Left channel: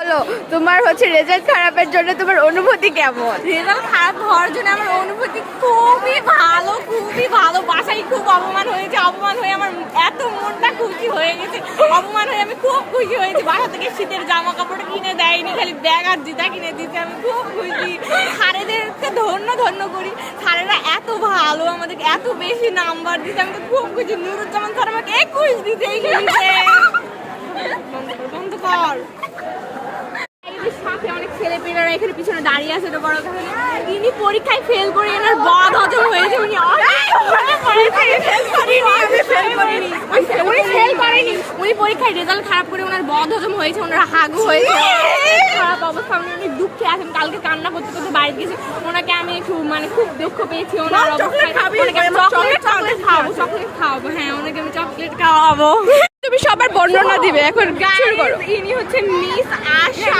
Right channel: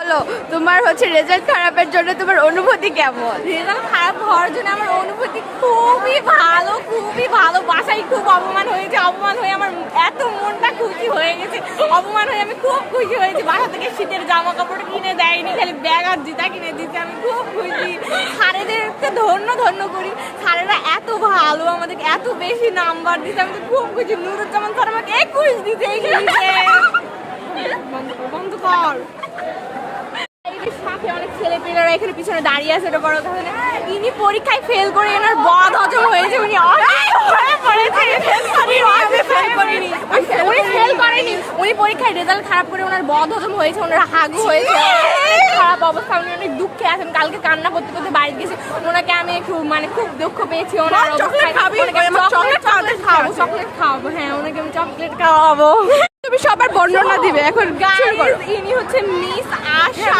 বলো তোমার হচ্ছে রেজাল্ট খারাপের জন্য তোমার অনুভূতি কেমন? রেজাল্ট খারাপ হওয়ার জন্য আমার অনুভূতি খুবই ভালো। বাসায় খুব অপমান হয়েছে, অপমান হয়ে আমার এত মনটা খুশি হয়ে গেছে। অপমান হয়ে আমি খুব খুশি হয়েছি। বাসা থেকে শীতের জামা কাপড় কিনে দেয়নি, খালি ব্যাগ আর জুতা কিনে দিচ্ছে। আমি খুব খুশি। স্যারেদেরকে ধন্য করি। স্যারেরা এত ভালো, আমাদেরকে এত বেশি নাম্বার দিচ্ছে। আমি তো খুব খুশি। নুরুজ্জামান স্যার আমাকে 21 দিতে বন্ধ কর। সাথে অনেক ছেলেপেলেরা এখানে পিছনে দাঁড়িয়ে আছে। এটা বড় কথা না। তিনি পরীক্ষায় ফেল করে এনার বদ হজম হয়েছে। উনি ফেল করেনি, উনি পরীক্ষায় রেজাল্ট খারাপ করে ওনার বদ হজম হয়েছে, ওনার হাগু হয়েছে, খারাপ অবস্থা। উনি অনেক দুঃখে আছেন। কালকে কান্না করতে করতে বাড়ি গেছি। ওনাকে আমি একটু খুব দুঃখ পেয়েছি ওনার অবস্থায়। চকলেট খাওয়াবো। হ্যাঁ, ওনাকে আমি চকলেট খাওয়াবো। তুমি সবার বর্ণনা দিবে, এখন শুরু করো। ইনি হচ্ছে মিস আশা।